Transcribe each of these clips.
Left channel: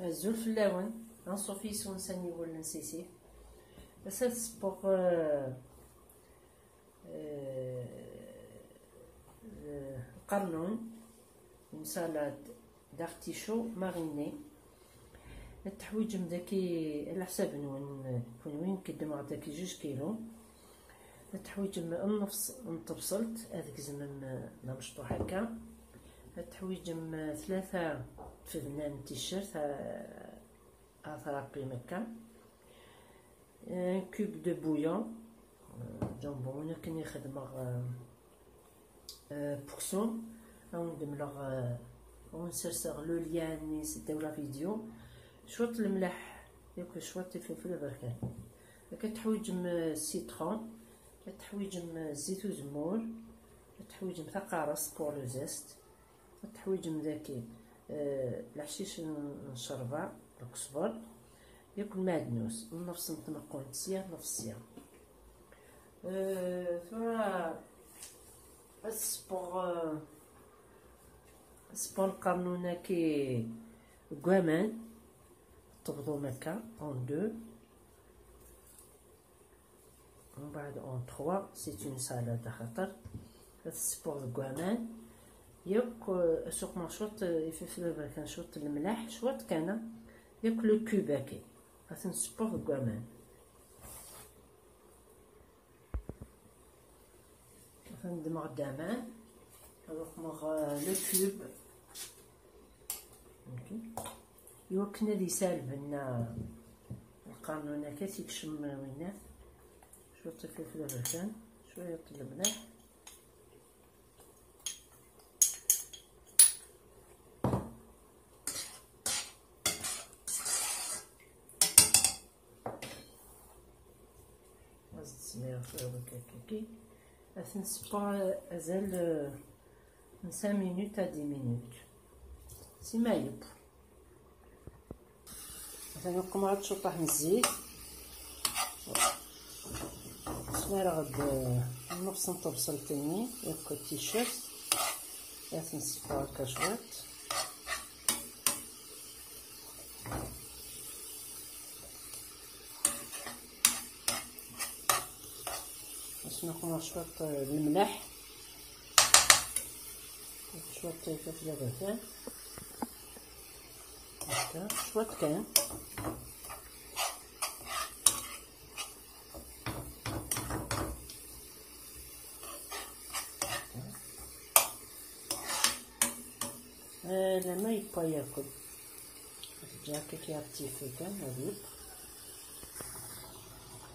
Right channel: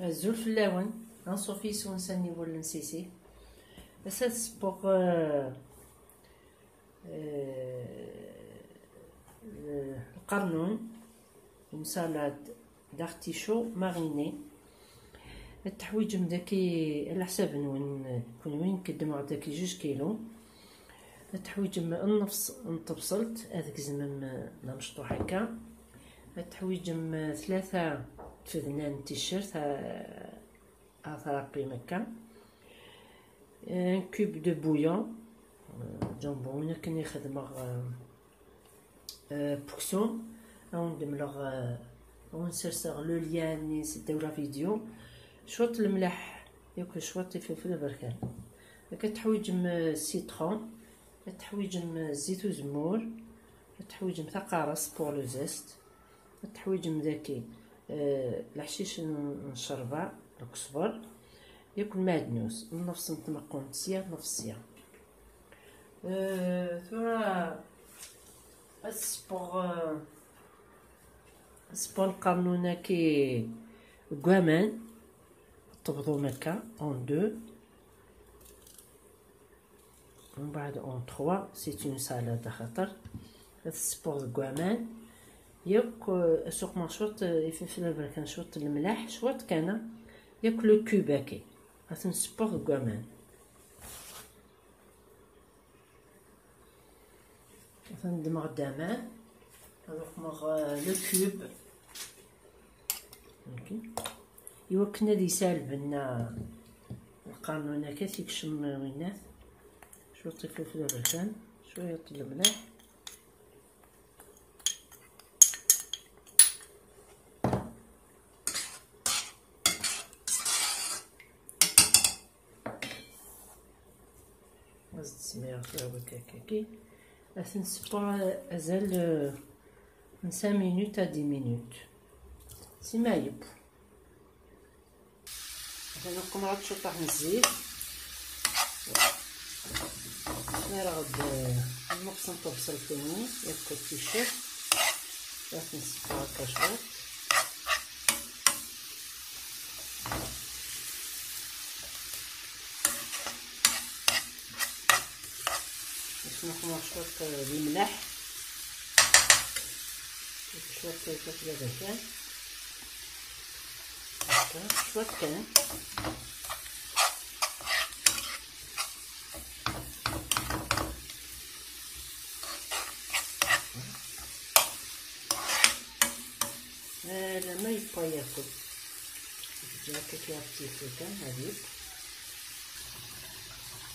الزول في اللون نصوفي سونساني ولا نسيسي أساس بوغ القرنون اون سالاد دارتيشو ماريني. التحويج مداكي على حساب كون وين كدمو داكي 2 كيلو. التحويج النفس نطبسلت هذاك زعما نمشطو هكا. التحويج 3 تفدنان تيشيرت ثرابي مكا. ان كوب دو بويون جامبون كني خدمه بوكسون ندملغ ونسرسغ لو ليان ني سداو لا فيديو. شوط الملح ياك شوط الفلفل البركان. كتحويجم سيترون. كتحويجم زيت وزمور. كتحويجم ثقارص بور لو زيست. كتحويجم داكي الحشيش نشربه القزبر ياكل معدنوس نفس نطمقو نتسيا نفسيا. ثم السبور القانونة كي كوامان طبضو مكا اون 2 ومن بعد اون 3. سيت اون سالاد خاطر السبور كوامان ياك سوق مشوط الفلفل البركان شوط الملح شوط كان ياكلو كوباكي هاثن سبور كوامان. ندمغ دامان نروح مغ لو كوب يوكنا دي سالبنا القانون هكا تيكشم وينات شويه الفلفل البركان شويه الملح سمير كاكاكي اثن سبا ازال من 5 مينوت ا 10 مينوت سيما يب. انا نقوم عاد شطح الزيت انا غاد نقص نطبس الفيني ياكل التيشيرت اثن سبا هكا شويه نخمر شويه الملح شويه الفلفل البركان هكا شويه كان لا ما يبقى ياكل جا كي كان هذيك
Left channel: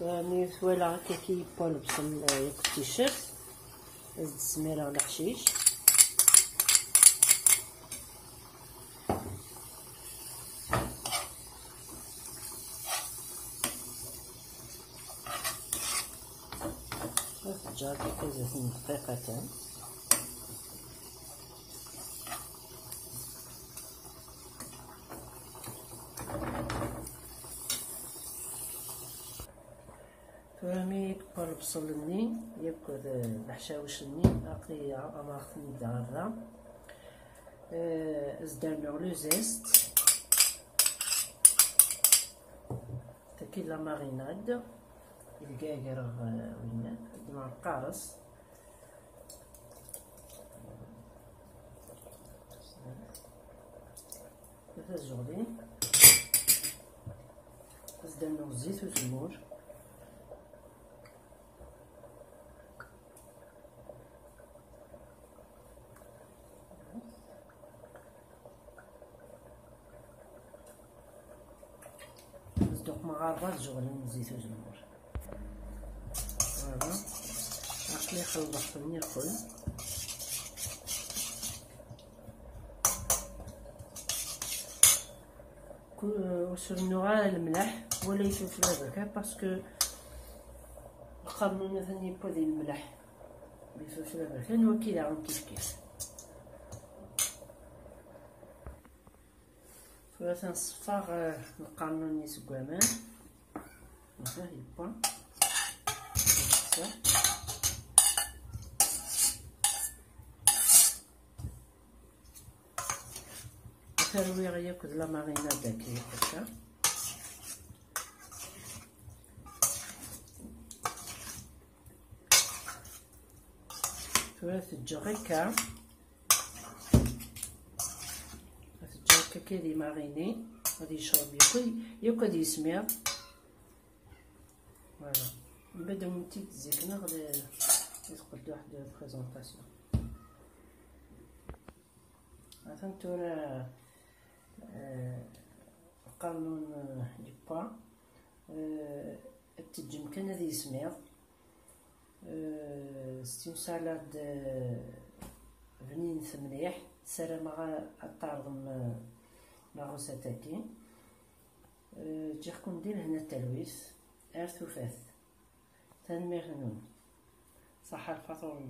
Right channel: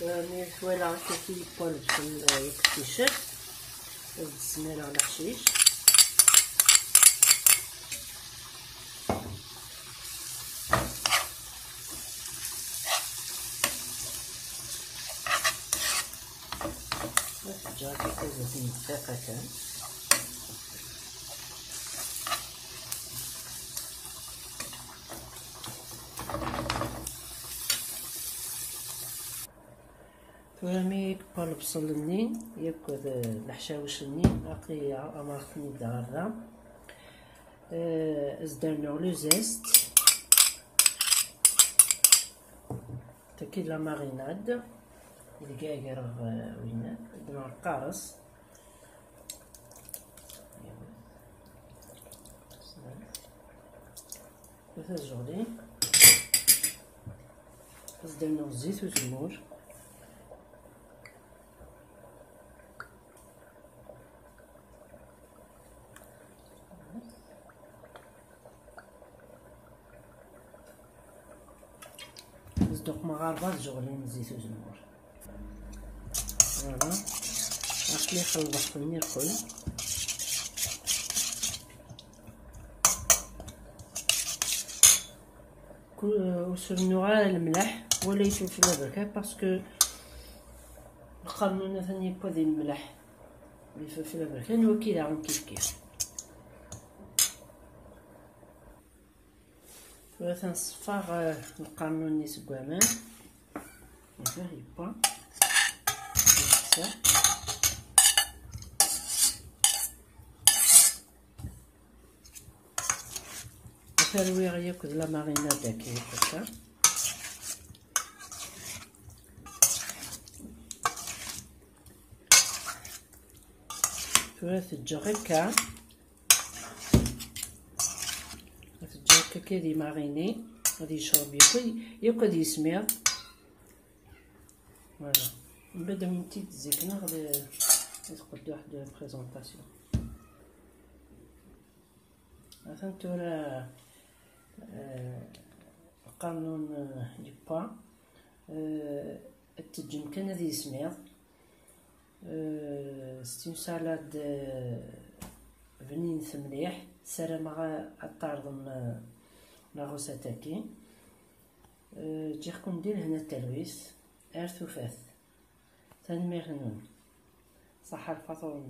مي فوالا كي يبقى البصل ياكل التيشيرت زيد السميره على الحشيش جا كي زيتين دقيقه كان مي كبر البصل النين ياكل الحشاوش النين باقي اماكن دارا ازدرنا لو زيست تاكي لا ماريناد الكاكر وين درنا القارص هذا جولي ازدرنا زيت وزمور دوك مغاربه جغلين زيت وزمور فوالا عرفت لي خلط خويني الكل وسرنو غير الملح ولا الفلفل البركان باسكو القانون ثاني با ديال الملح بالفلفل البركان هو كيداهم كيف تنصفر القانون نيس كوامان هكا يبا ترويغ ياكل لا ماريناد كي هكا. تجو هكا كي ماريني غادي يشرب ياكل يسمر. فوالا من بعد ملي تزيكنا غادي نقدو واحد بريزونطاسيون. مثلا تورا قانون يبا التجم كان هذه يسمر. ستين سالاد بنين مليح سارة مع الطارد لا غوساتاكي. جيكم ندير هنا التلويس ارثوفاث ثاني ميغنون صح الفطور.